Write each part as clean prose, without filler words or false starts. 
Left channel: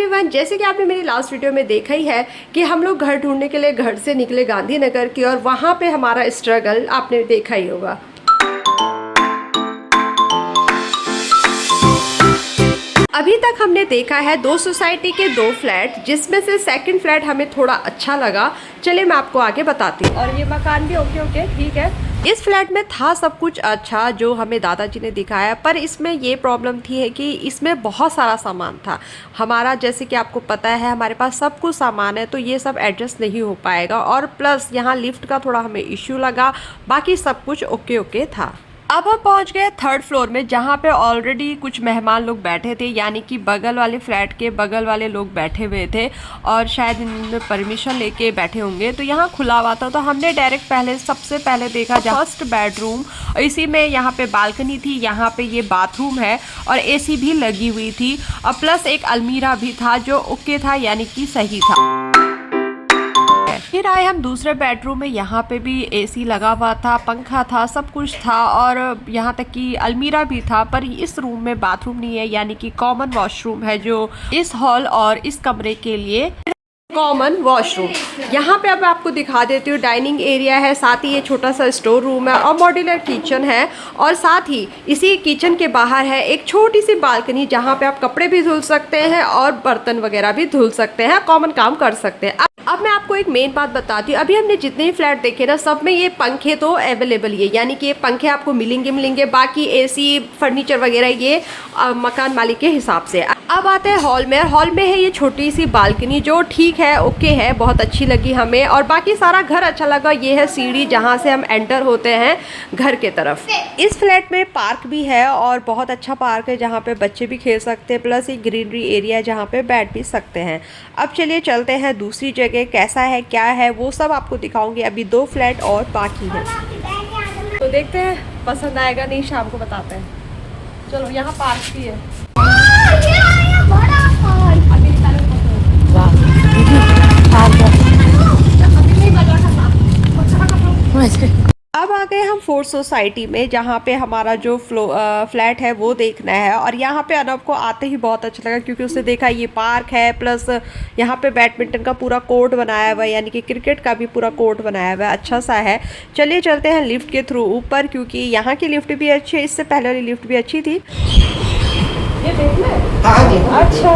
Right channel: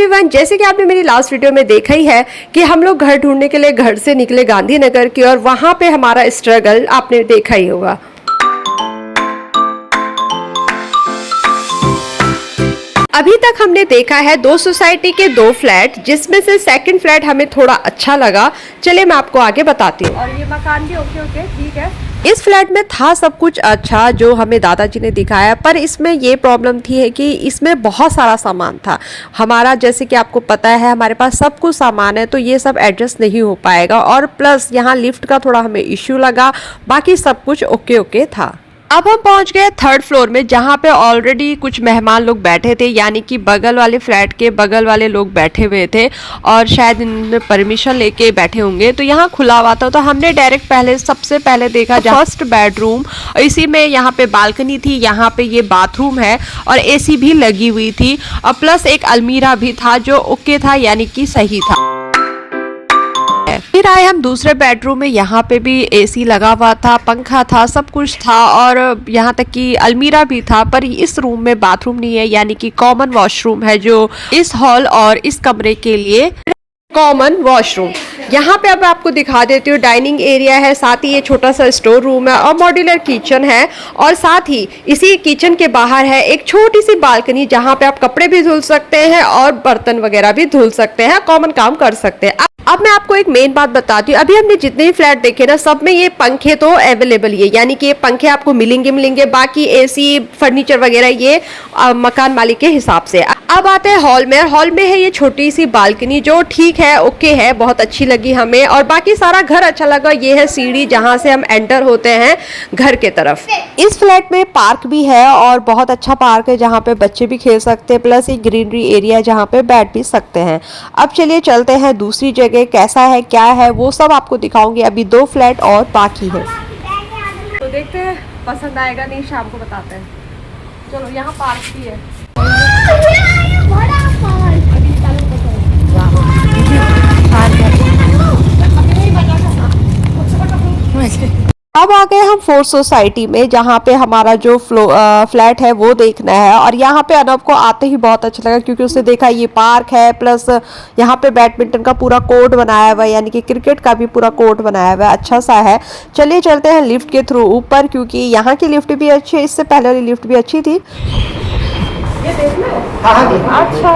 Everyone, जैसे कि आपने मेरी लास्ट वीडियो में देखा ही है कि हम लोग घर ढूंढने के लिए घर से निकले गांधीनगर की और वहां पे हमारा स्ट्रगल आपने देखा ही होगा। अभी तक हमने देखा है दो सोसाइटी के दो फ्लैट, जिसमें से सेकंड फ्लैट हमें थोड़ा अच्छा लगा। चलिए मैं आपको आगे बताती हूँ। और ये मकान भी ओके ठीक है। इस फ्लैट में था सब कुछ अच्छा जो हमें दादाजी ने दिखाया, पर इसमें ये प्रॉब्लम थी है कि इसमें बहुत सारा सामान था हमारा। जैसे कि आपको पता है हमारे पास सब कुछ सामान है, तो ये सब एडजस्ट नहीं हो पाएगा। और प्लस यहाँ लिफ्ट का थोड़ा हमें इश्यू लगा, बाकी सब कुछ ओके था। अब हम पहुंच गए थर्ड फ्लोर में, जहां पे ऑलरेडी कुछ मेहमान लोग बैठे थे, यानी कि बगल वाले फ्लैट के बगल वाले लोग बैठे हुए थे और शायद इन्होंने परमिशन लेके बैठे होंगे। तो यहाँ खुला हुआ था, तो हमने डायरेक्ट सबसे पहले देखा फर्स्ट बेडरूम। इसी में यहाँ पे बालकनी थी, यहाँ पे ये बाथरूम है और एसी भी लगी हुई थी और प्लस एक अलमीरा भी था जो ओके था, यानी कि सही था। फिर आए हम दूसरे बेडरूम में, यहाँ पे भी एसी लगा हुआ था, पंखा था, सब कुछ था और यहाँ तक कि अलमीरा भी था। पर इस रूम में बाथरूम नहीं है, यानी कि कॉमन वॉशरूम है जो इस हॉल और इस कमरे के लिए कॉमन वॉशरूम। यहाँ पे अब आपको दिखा देती हूँ, डाइनिंग एरिया है, साथ ही ये छोटा सा स्टोर रूम है और मॉड्यूलर किचन है। और साथ ही इसी किचन के बाहर है एक छोटी सी बालकनी, जहाँ पे आप कपड़े भी धुल सकते हैं और बर्तन वगैरह भी धुल सकते हैं, कॉमन काम कर सकते हैं। अब मैं आपको एक मेन बात बताती हूँ। अभी हमने जितने भी फ्लैट देखे ना, सब में ये पंखे तो अवेलेबल ही है, यानी कि ये पंखे आपको मिलेंगे। बाकी एसी फर्नीचर वगैरह ये मकान मालिक के हिसाब से। अब आते हैं हॉल में। हॉल में है ये छोटी सी बालकनी जो ठीक है, ओके है, बहुत अच्छी लगी हमें। और बाकी सारा घर अच्छा लगा। ये है सीढ़ी जहाँ से हम एंटर होते हैं घर के तरफ। इस फ्लैट में पार्क भी है और बहुत अच्छा पार्क है, जहाँ पे बच्चे भी खेल सकते हैं, प्लस एक ग्रीनरी एरिया जहाँ पे बैठ भी सकते हैं। अब चलिए चलते हैं दूसरी जगह, कैसा है क्या है वो सब आपको दिखाऊंगी। अभी दो फ्लैट और बाकी है, तो देखते हैं पसंद आएगा नहीं, शाम को बताते हैं। चलो यहाँ पार्क भी है। अब आ गए हम फोर्थ सोसाइटी में, जहाँ पे हमारा जो फ्लैट है वो देखना है। और यहाँ पे अनब को आते ही बहुत अच्छा लगा, क्योंकि उसने देखा ये पार्क है, प्लस यहाँ पे बैडमिंटन का पूरा कोर्ट बनाया हुआ है, यानी कि क्रिकेट का भी पूरा कोर्ट बनाया हुआ है, अच्छा सा है। चलिए चलते हैं लिफ्ट के थ्रू ऊपर, क्योंकि यहाँ की लिफ्ट भी अच्छी है, इससे पहले वाली लिफ्ट भी अच्छी थी। अच्छा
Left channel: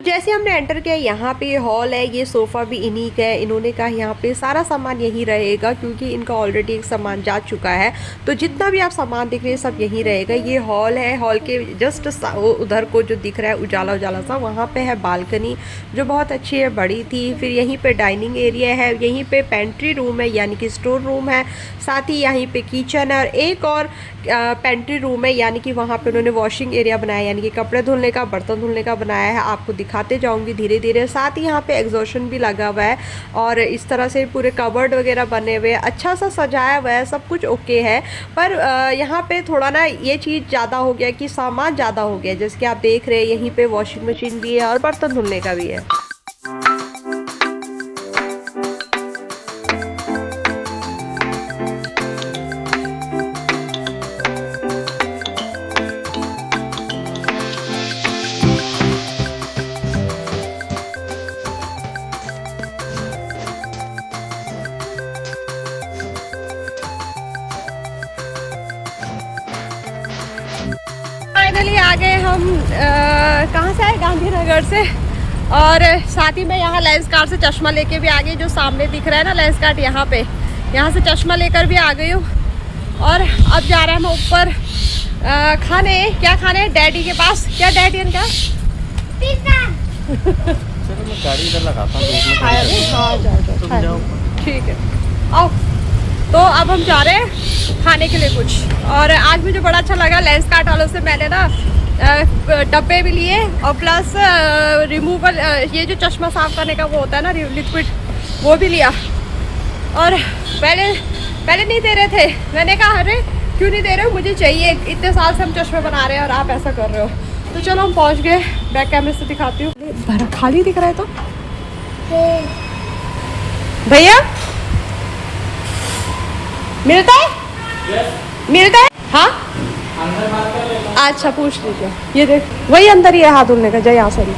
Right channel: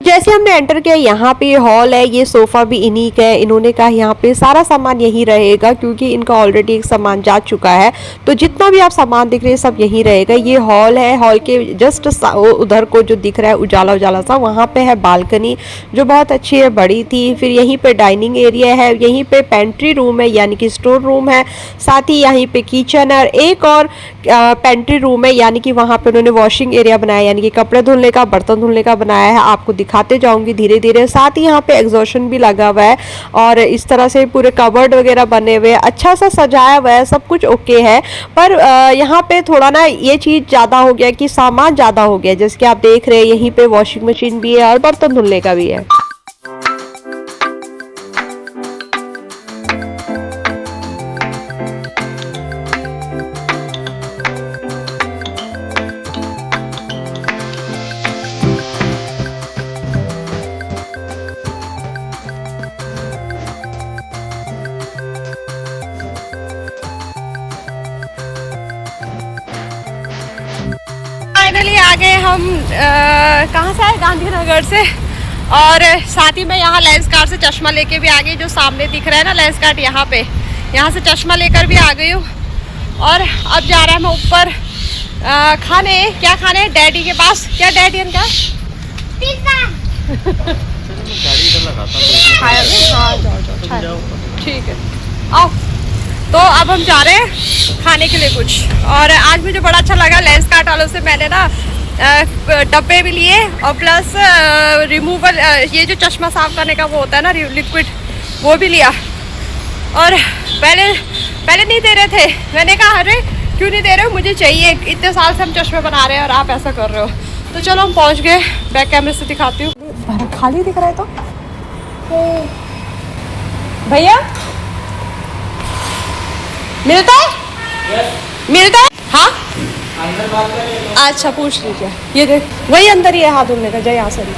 जैसे हमने एंटर किया, यहाँ पे हॉल है, ये सोफा भी इन्हीं का है। इन्होंने कहा यहाँ पे सारा सामान यहीं रहेगा, क्योंकि इनका ऑलरेडी एक सामान जा चुका है, तो जितना भी आप सामान दिख रहे हैं सब यहीं रहेगा। ये हॉल है, हॉल के जस्ट उधर को जो दिख रहा है उजाला सा, वहाँ पे है बालकनी जो बहुत अच्छी है, बड़ी थी। फिर यहीं पे डाइनिंग एरिया है, यहीं पे पेंट्री रूम है, यानी कि स्टोर रूम है, साथ ही यहीं पे किचन है और एक और पेंट्री रूम है, यानी कि वहाँ पे उन्होंने वॉशिंग एरिया बनाया, यानी कि कपड़े धुलने का, बर्तन धुलने का बनाया है। आपको दिखाते जाऊंगी धीरे धीरे। साथ ही यहाँ पे एग्जॉशन भी लगा हुआ है और इस तरह से पूरे कबर्ड वगैरह बने हुए, अच्छा सा सजाया हुआ है, सब कुछ ओके है। पर यहाँ पे थोड़ा ना ये चीज़ ज़्यादा हो गया कि सामान ज़्यादा हो गया। जैसे कि आप देख रहे हैं यहीं पे वॉशिंग मशीन भी है और बर्तन धुलने का भी है। फाइनली आ गए हम, कहाँ से आए? गांधीनगर से। और साथ ही मैं यहाँ लेंस कार्ट से चश्मा लेके भी आ गई, जो सामने दिख रहा है ना लेंस कार्ट, यहाँ से चश्मा लेकर भी आ गई हूँ। और अब जा रहा है मैं ऊपर खाने। क्या खाने? डैडी के पास। क्या डैडी इनका? जाओ ठीक है, आओ। तो अब हम जा रहे हैं खाने के लिए कुछ। और आज मुझे बड़ा अच्छा लगा, लेंस कार्ट वालों से मैंने ना डब्बे भी लिए और प्लस रिमूवल, ये जो चश्मा साफ करने का वो होता है ना लिक्विड, वो भी लिया। और पहले नहीं दे रहे थे, मैंने कहा अरे क्यों नहीं दे रहे हो, मुझे चाहिए, इतने साल से हम चश्मे बना रहे हैं और आप ऐसा कर रहे हो। तो चलो हम पहुंच गए, बैक कैमरे से दिखाती हूँ। खाली दिख रहा है तो भैया मिलता है? मिलता है? हाँ अच्छा पूछ लीजिए। ये देख वही अंदर ही है हाथ धुलने का, जय आसरी।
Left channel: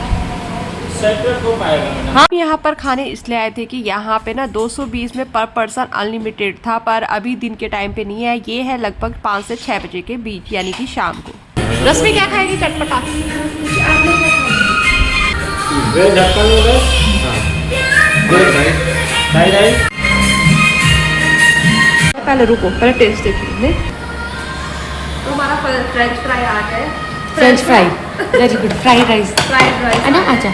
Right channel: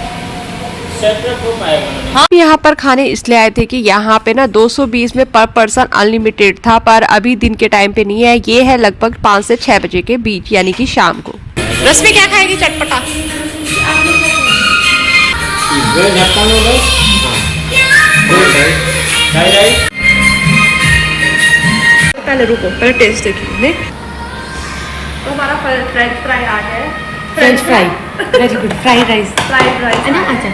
हाँ यहाँ पर खाने इसलिए आए थे कि यहाँ पे ना 220 में पर पर्सन अनलिमिटेड था, पर अभी दिन के टाइम पे नहीं है। ये है लगभग 5 से 6 बजे के बीच, यानी कि शाम को। रश्मि क्या खाएगी? चटपटा। पहले रुको, पहले टेस्ट देखिए। तो हमारा फ्रेंच फ्राई आ गया है। French fry very good. Fried rice fried rice है ना? अच्छा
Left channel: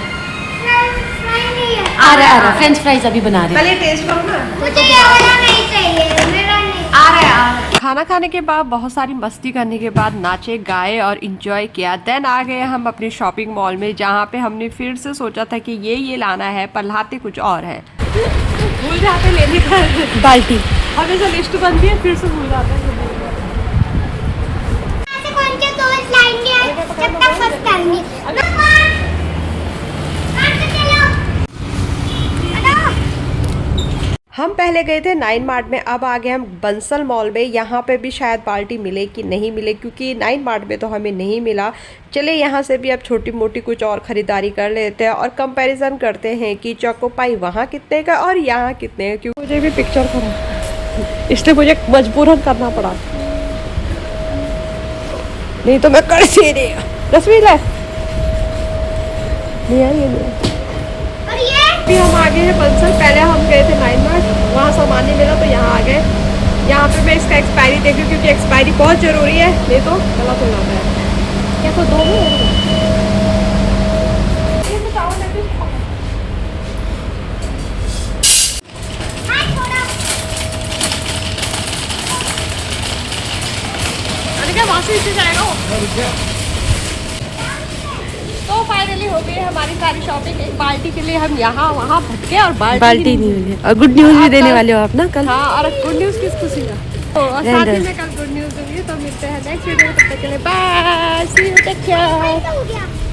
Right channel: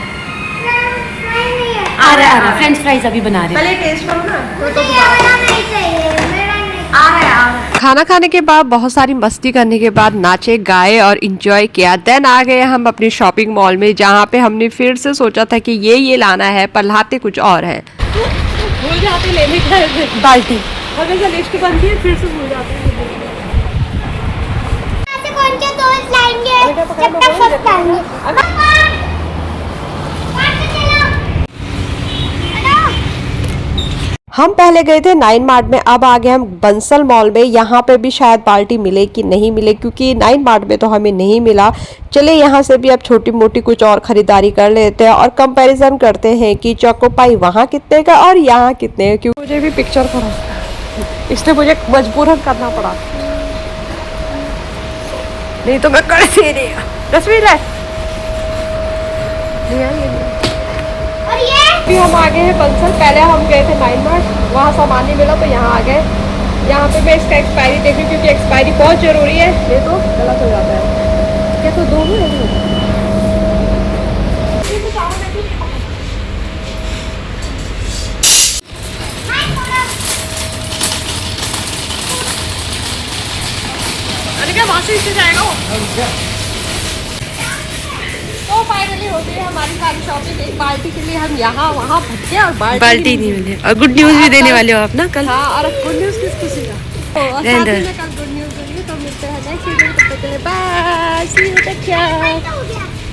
आ रहा फ्रेंच फ्राइज अभी बना रहे हैं। पहले टेस्ट करो ना। तो दोबारा आ रहा है। खाना खाने के बाद बहुत सारी मस्ती करने के बाद नाचे गाए और इंजॉय किया। देन आ गए हम अपने शॉपिंग मॉल में, जहाँ पे हमने फिर से सोचा था कि ये लाना है, पर लाते कुछ और है। भूल जाते लेने का बाल्टी और जैसे लिस्ट बनती है फिर से भूल जाते हैं। हम पहले गए थे 9 मार्ट में, अब आ गए हम बंसल मॉल में। यहाँ पे भी शायद बाल्टी मिले कि नहीं मिले, क्योंकि 9 मार्ट में तो हमें नहीं मिला। चले यहाँ से भी अब छोटी मोटी कुछ और खरीदारी कर लेते हैं और कंपैरिजन करते हैं कि चोको पाई वहाँ कितने का और यहाँ कितने का। क्योंकि मुझे भी पिक्चर करा, इसलिए मुझे मजबूरन करना पड़ा, नहीं तो मैं कर से नहीं। तस्वीर है भी। हम आ गए हैं बंसल। पहले हम गए थे 9 मार्ट, वहाँ सामान नहीं मिला तो यहाँ आ गए। यहाँ पे मैं इसका एक्सपायरी देख रही हूँ, क्योंकि एक्सपायरी बहुत ज़रूरी है, नहीं तो गलत हो जाता है। क्या तो दो क्या वहाँ से इससे जाएगा वो। तो फाइनली हो गई हमारी सारी शॉपिंग। एक बाल्टी के लिए हम यहाँ वहाँ भटके और बाल्टी नहीं मिली। और गुड न्यूज भी देने वाले हो आप ना कल। हाँ, और गुड न्यूज किसी का तो साथ ही में कल गुड न्यूज दूंगी। तो मिलते हैं नेक्स्ट वीडियो में, तब तक के लिए bye, see you, take care.